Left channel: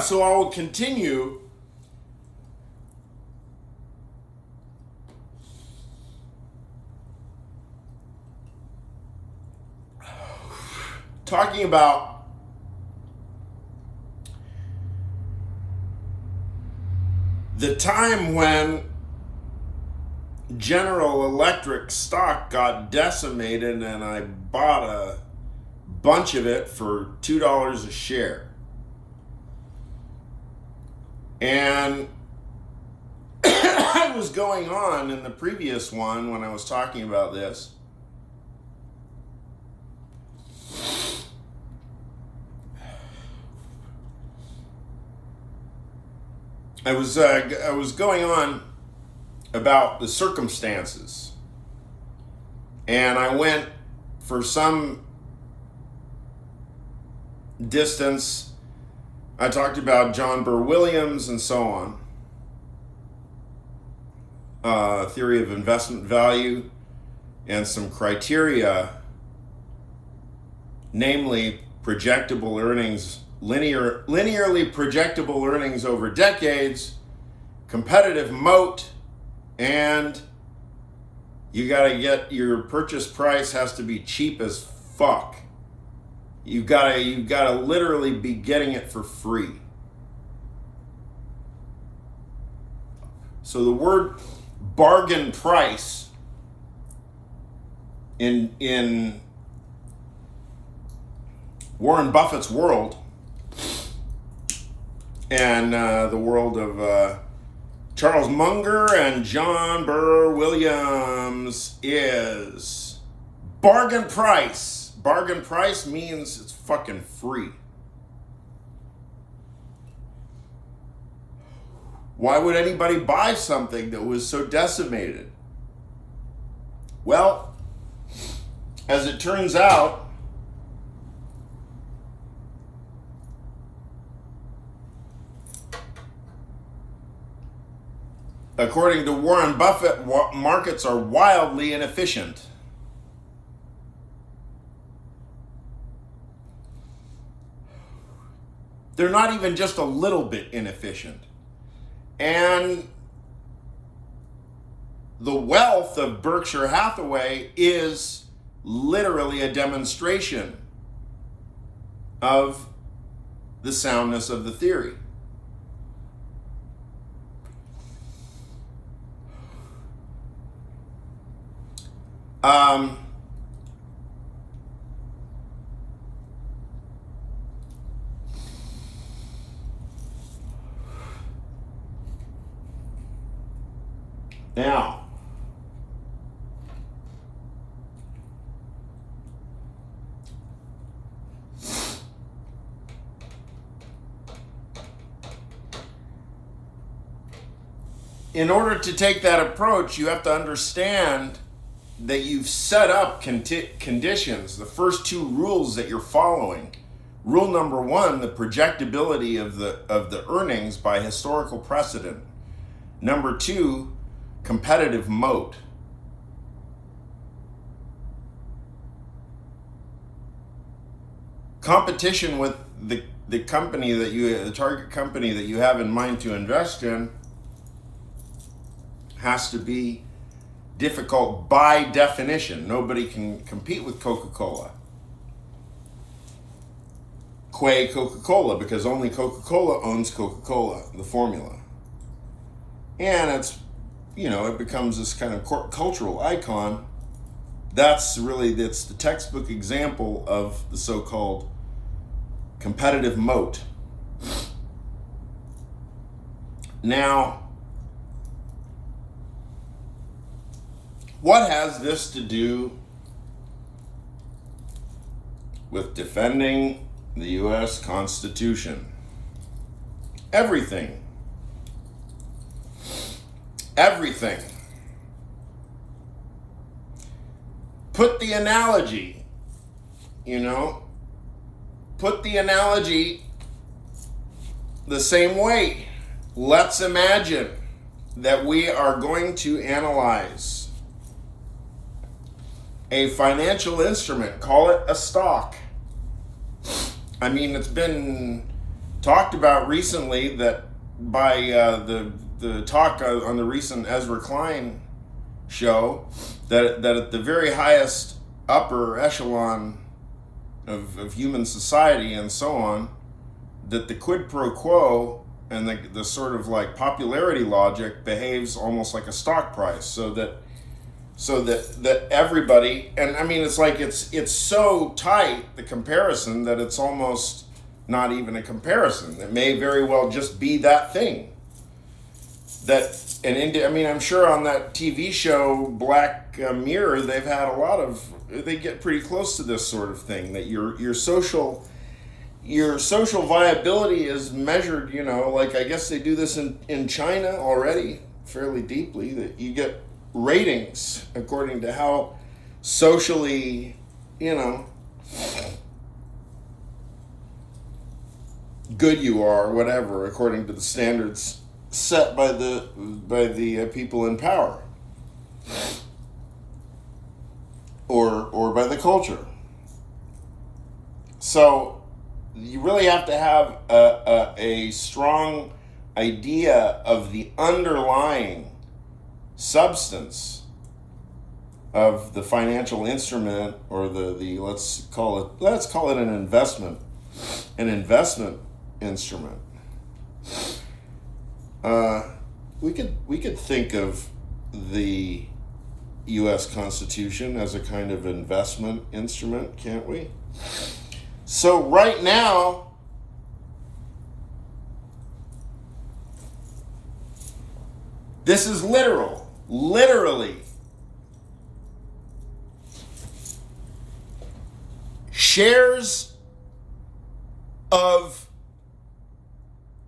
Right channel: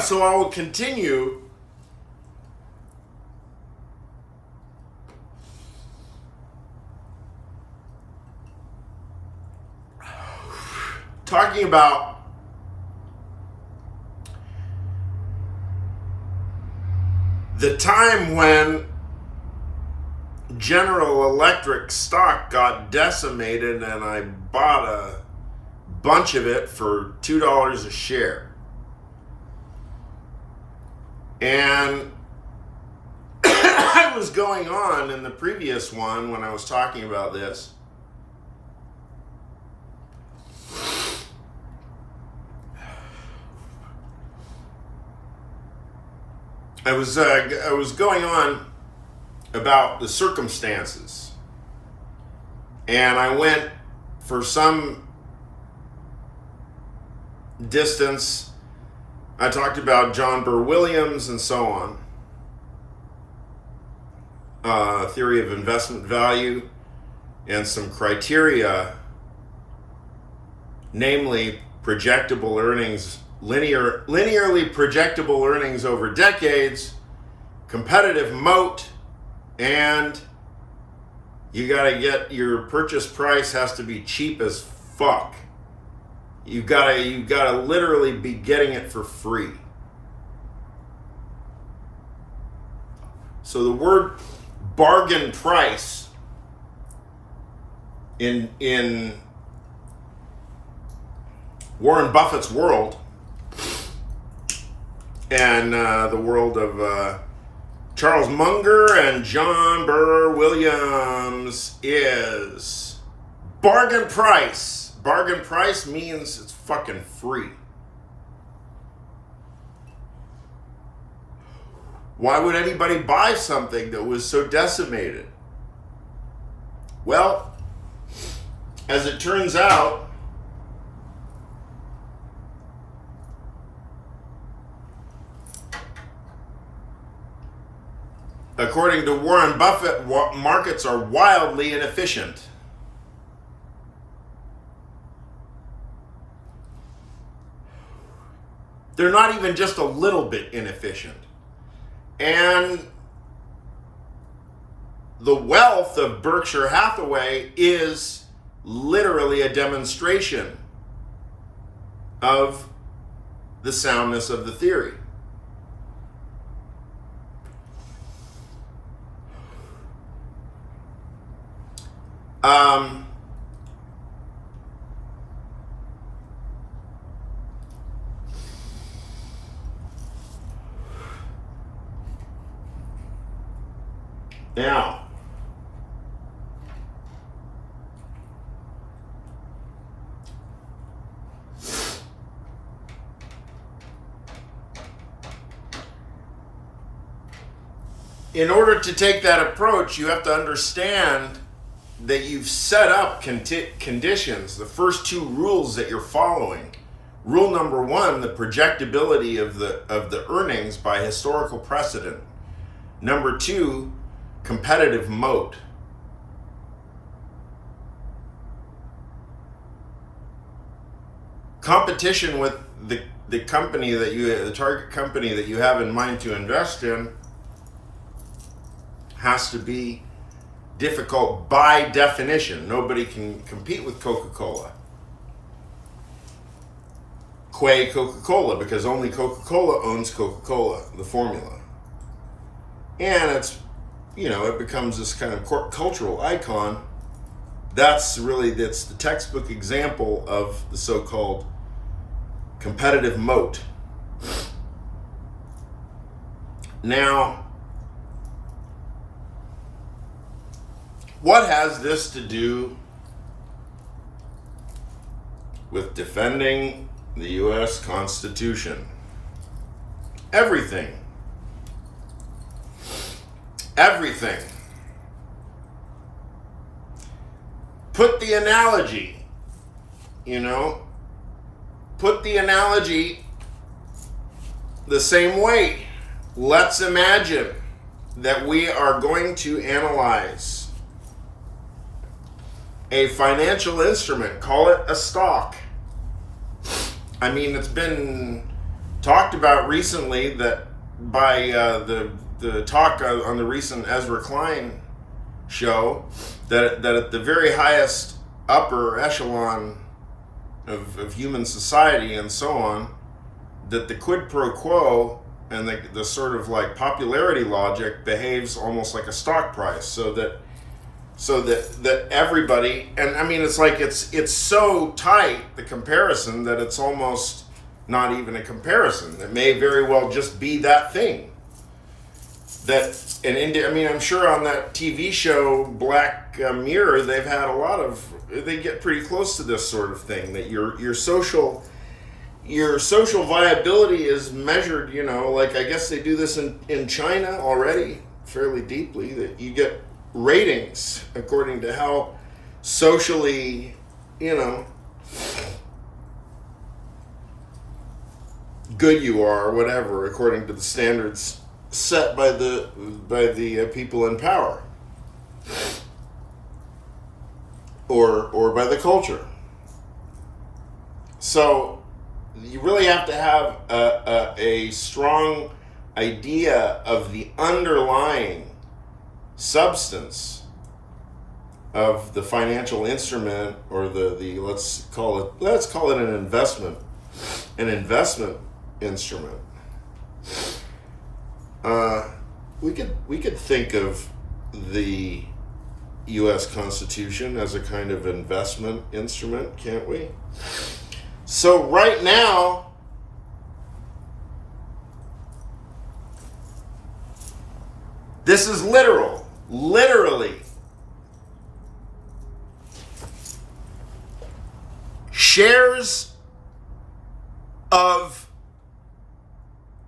So I will continue talking about the time when General Electric stock got decimated and I bought a bunch of it for $2 a share. And I was going on in the previous one when I was talking about this. I was going on about the circumstances, and I went for some distance. I talked about John Burr Williams and so on, theory of investment value, and some criteria, namely projectable earnings, linearly projectable earnings over decades, competitive moat, and you gotta get your purchase price has to be cheap as fuck. You gotta literally be getting it for free. So the word bargain price in Warren Buffett's world and the world of Charles Munger and John Burr Williams is bargain price. Bargain price means it's fucking free. Why would anybody buy something that was so decimated? Well, as it turns out, according to Warren Buffett, markets are wildly inefficient. They're not even just a little bit inefficient. And the wealth of Berkshire Hathaway is literally a demonstration of the soundness of the theory. Now, in order to take that approach, you have to understand that you've set up conditions, the first two rules that you're following. Rule number one, the projectability of the earnings by historical precedent. Number two, competitive moat. Competition with the company the target company that you have in mind to invest in has to be difficult by definition. Nobody can compete with Coca-Cola. Qua Coca-Cola, because only Coca-Cola owns Coca-Cola, the formula. And it becomes this kind of cultural icon. That's the textbook example of the so-called competitive moat. Now, what has this to do with defending the U.S. Constitution? Everything. Everything. Put the analogy, put the analogy the same way. Let's imagine that we are going to analyze a financial instrument, call it a stock. I mean, it's been talked about recently that by the talk on the recent Ezra Klein show, that at the very highest upper echelon of human society and so on, that the quid pro quo and the sort of like popularity logic behaves almost like a stock price, so that everybody, and I mean, it's like it's so tight, the comparison, that it's almost not even a comparison. It may very well just be that thing. I mean, I'm sure on that TV show Black Mirror, they've had they get pretty close to this sort of thing, that your social viability is measured, like I guess they do this in China already fairly deeply, that you get ratings according to how socially, good you are, or whatever, according to the standards set by the people in power, or by the culture. So you really have to have a strong idea of the underlying substance of the financial instrument, or the let's call it an investment instrument. We could think of the U.S. Constitution as a kind of investment instrument, can't we? So right now, this is literally shares of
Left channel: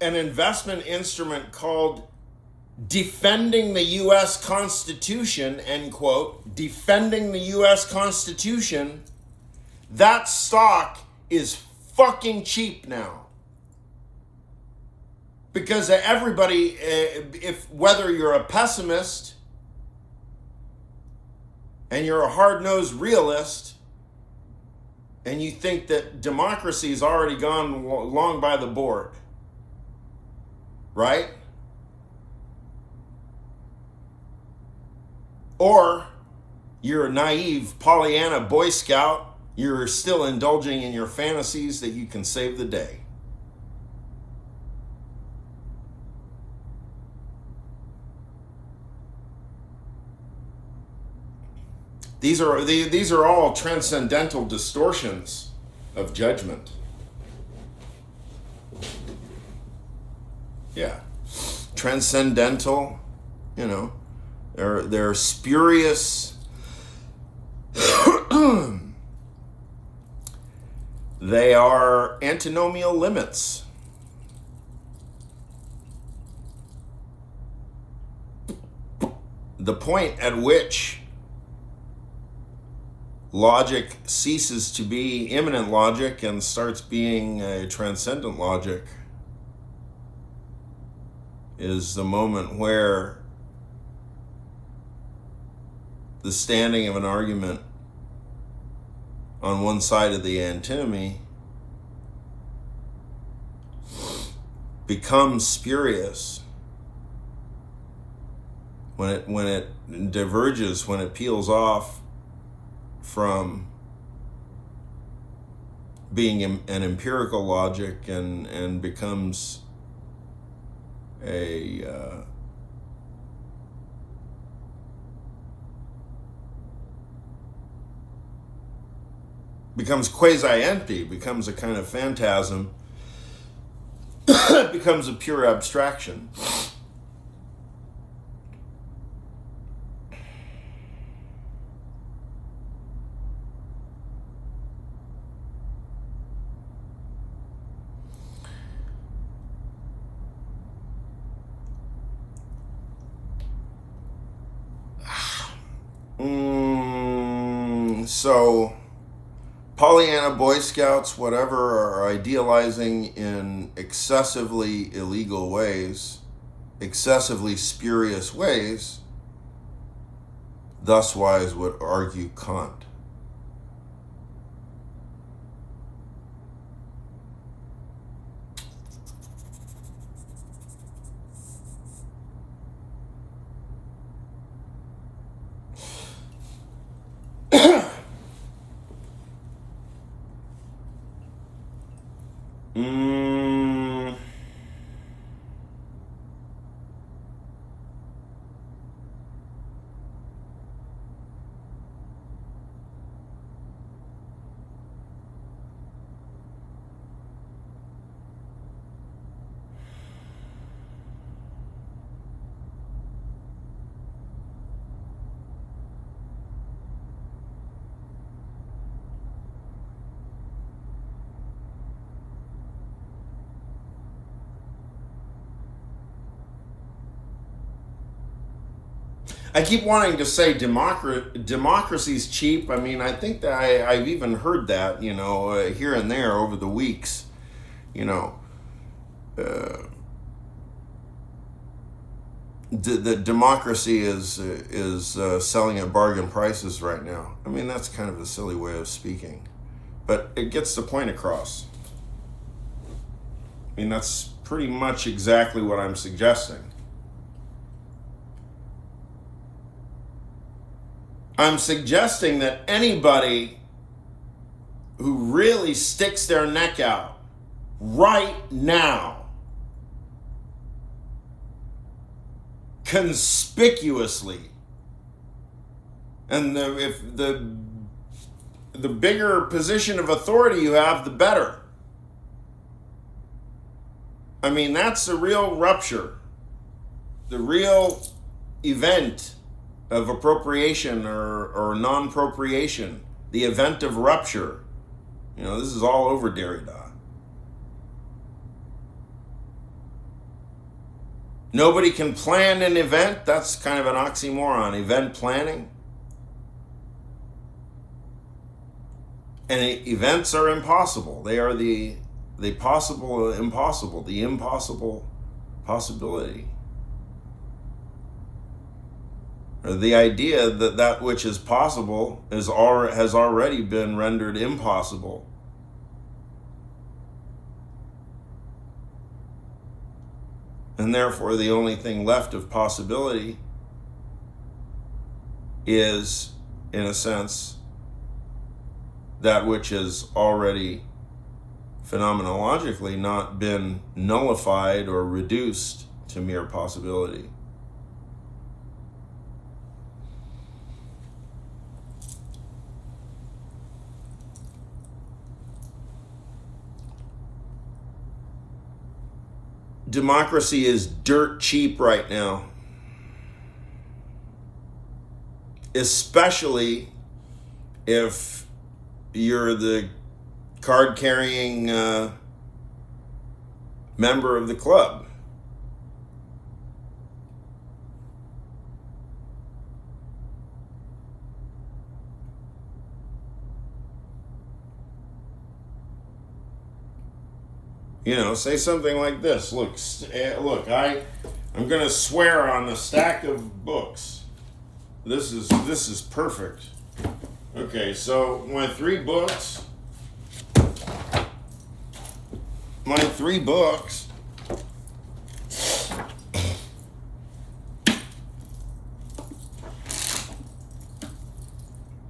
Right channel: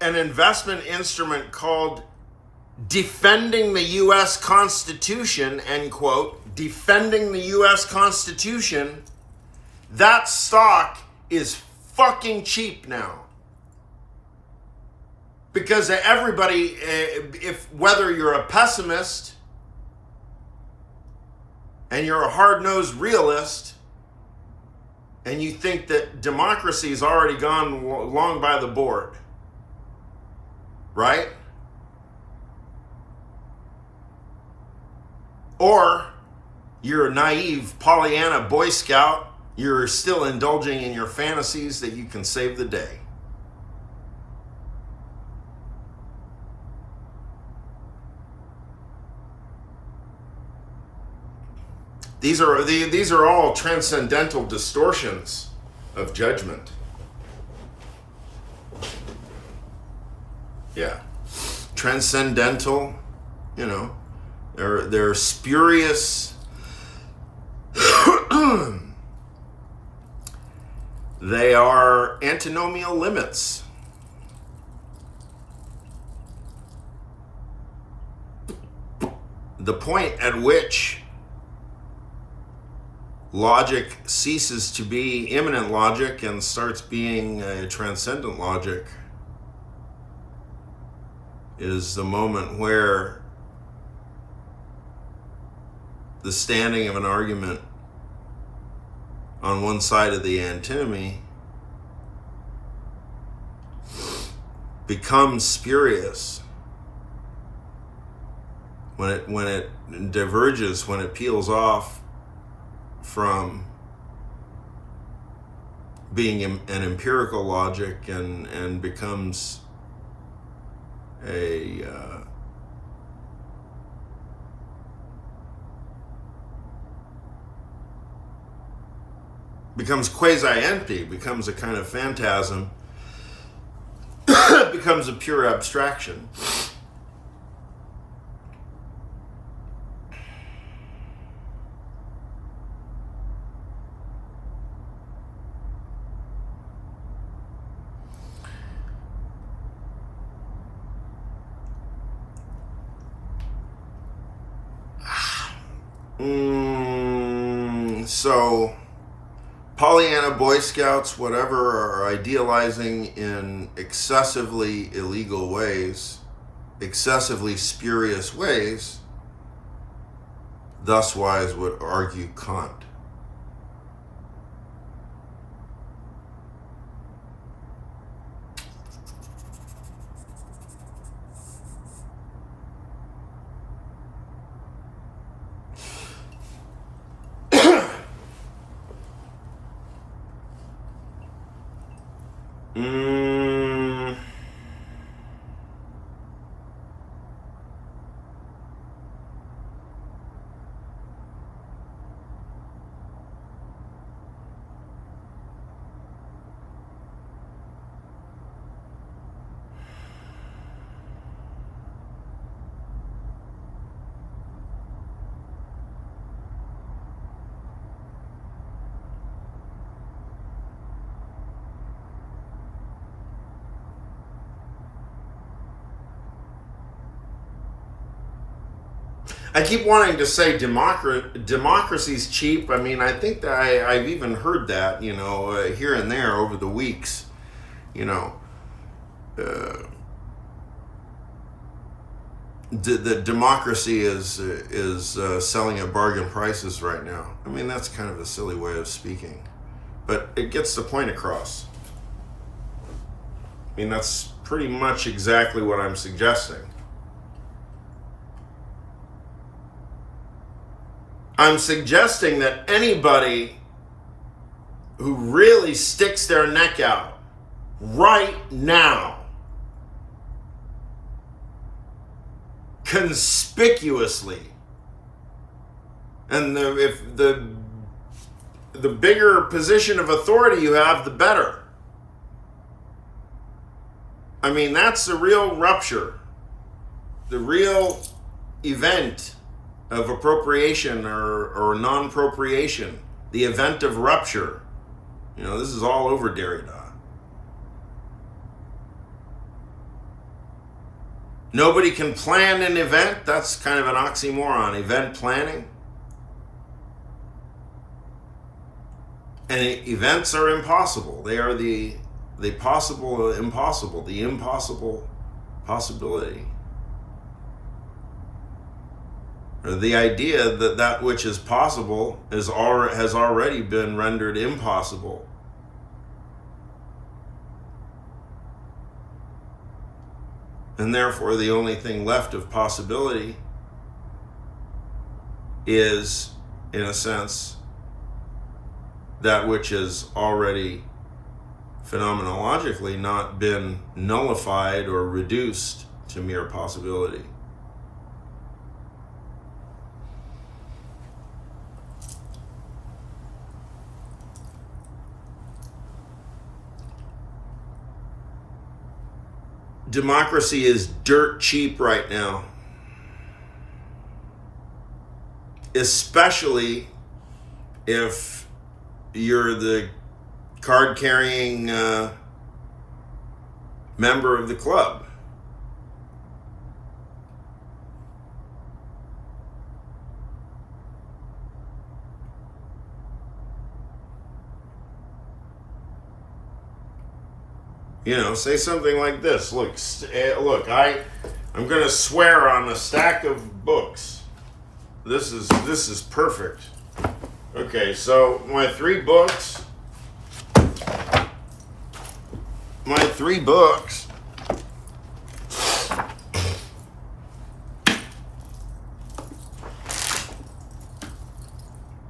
an investment instrument called Defending the U.S. Constitution, end quote, Defending the U.S. Constitution. That stock is fucking cheap now. Because everybody, whether you're a pessimist and you're a hard-nosed realist, and you think that democracy's already gone long by the board, right? Or you're a naive Pollyanna Boy Scout, you're still indulging in your fantasies that you can save the day. These are all transcendental distortions of judgment. Yeah. Transcendental, they're spurious. They are antinomial limits. The point at which logic ceases to be immanent logic and starts being a transcendent logic is the moment where the standing of an argument on one side of the antinomy becomes spurious, when it diverges, when it peels off from being an empirical logic and becomes becomes quasi-empty, becomes a kind of phantasm, becomes a pure abstraction. So Pollyanna Boy Scouts, whatever, are idealizing in excessively illegal ways, excessively spurious ways. Thus wise would argue Kant. Mm, I keep wanting to say democracy's cheap. I mean, I think that I've even heard that, here and there over the weeks. You know, uh, the democracy is selling at bargain prices right now. I mean, that's kind of a silly way of speaking, but it gets the point across. I mean, that's pretty much exactly what I'm suggesting. I'm suggesting that anybody who really sticks their neck out right now, conspicuously, and if the bigger position of authority you have, the better. I mean, that's the real rupture, the real event of appropriation or non-appropriation, the event of rupture. This is all over Derrida. Nobody can plan an event. That's kind of an oxymoron, event planning. And events are impossible. They are the possible impossible, the impossible possibility. Or the idea that that which is possible has already been rendered impossible. And therefore, the only thing left of possibility is, in a sense, that which has already phenomenologically not been nullified or reduced to mere possibility. Democracy is dirt cheap right now, especially if you're the card-carrying member of the club. Say something like this. Look, I'm going to swear on a stack of books. This is perfect. Okay, so my three books.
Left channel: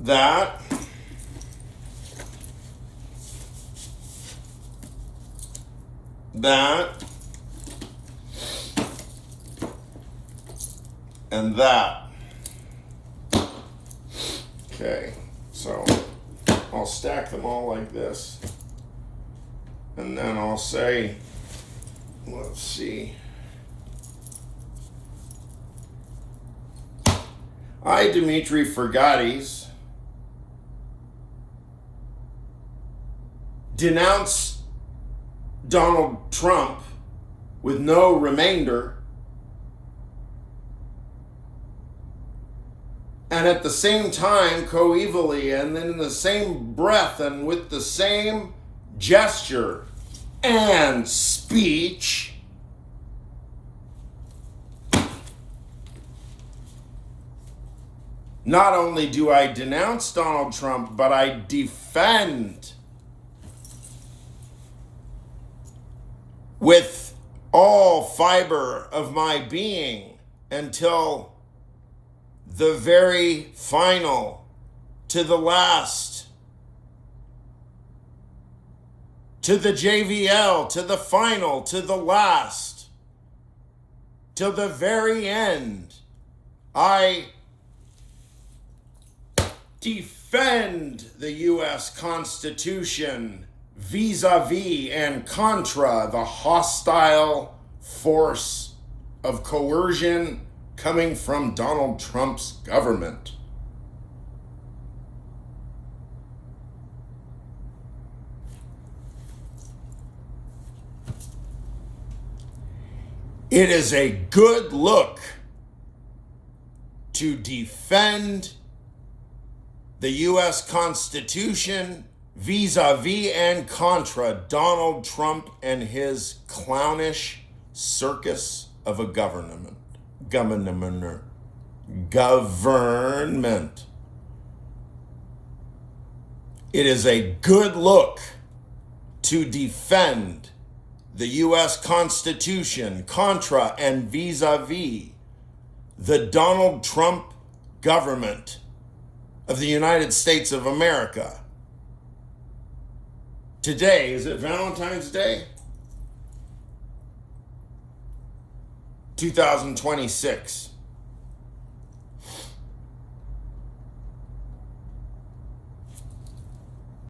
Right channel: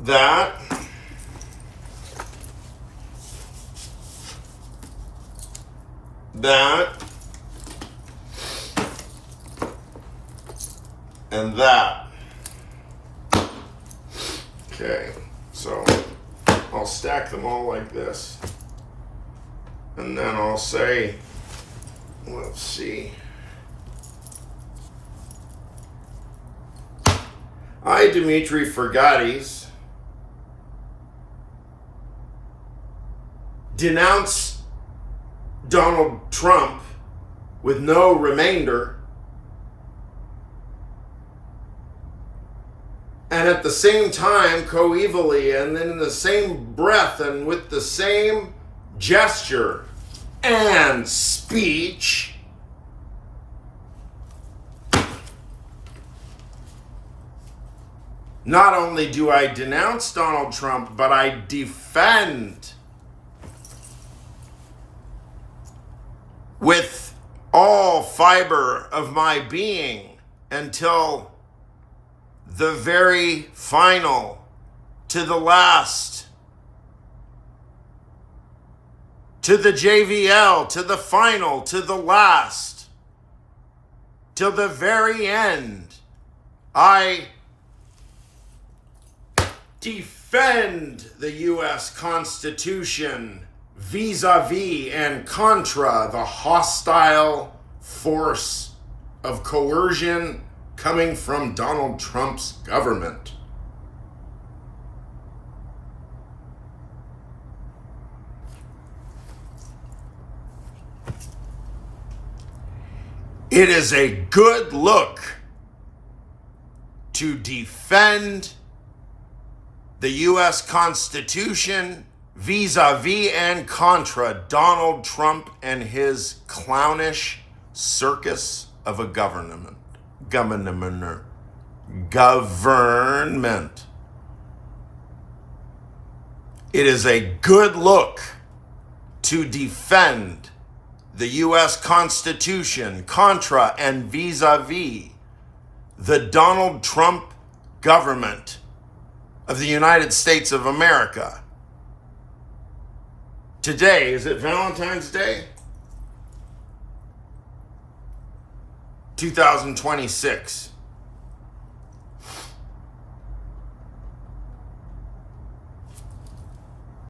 That. And that. Okay, so I'll stack them all like this. And then I'll say, let's see. I, Dimitri Fergatis, denounce Donald Trump with no remainder, and at the same time, coevally, and then in the same breath and with the same gesture and speech, not only do I denounce Donald Trump, but I defend with all fiber of my being until the very final, to the last, to the JVL, to the final, to the last, till the very end. I defend the U.S. Constitution vis-a-vis and contra the hostile force of coercion coming from Donald Trump's government. It is a good look to defend the U.S. Constitution vis-a-vis and contra Donald Trump and his clownish circus of a government. It is a good look to defend the U.S. Constitution contra and vis-a-vis the Donald Trump government of the United States of America. Today, is it Valentine's Day? 2026.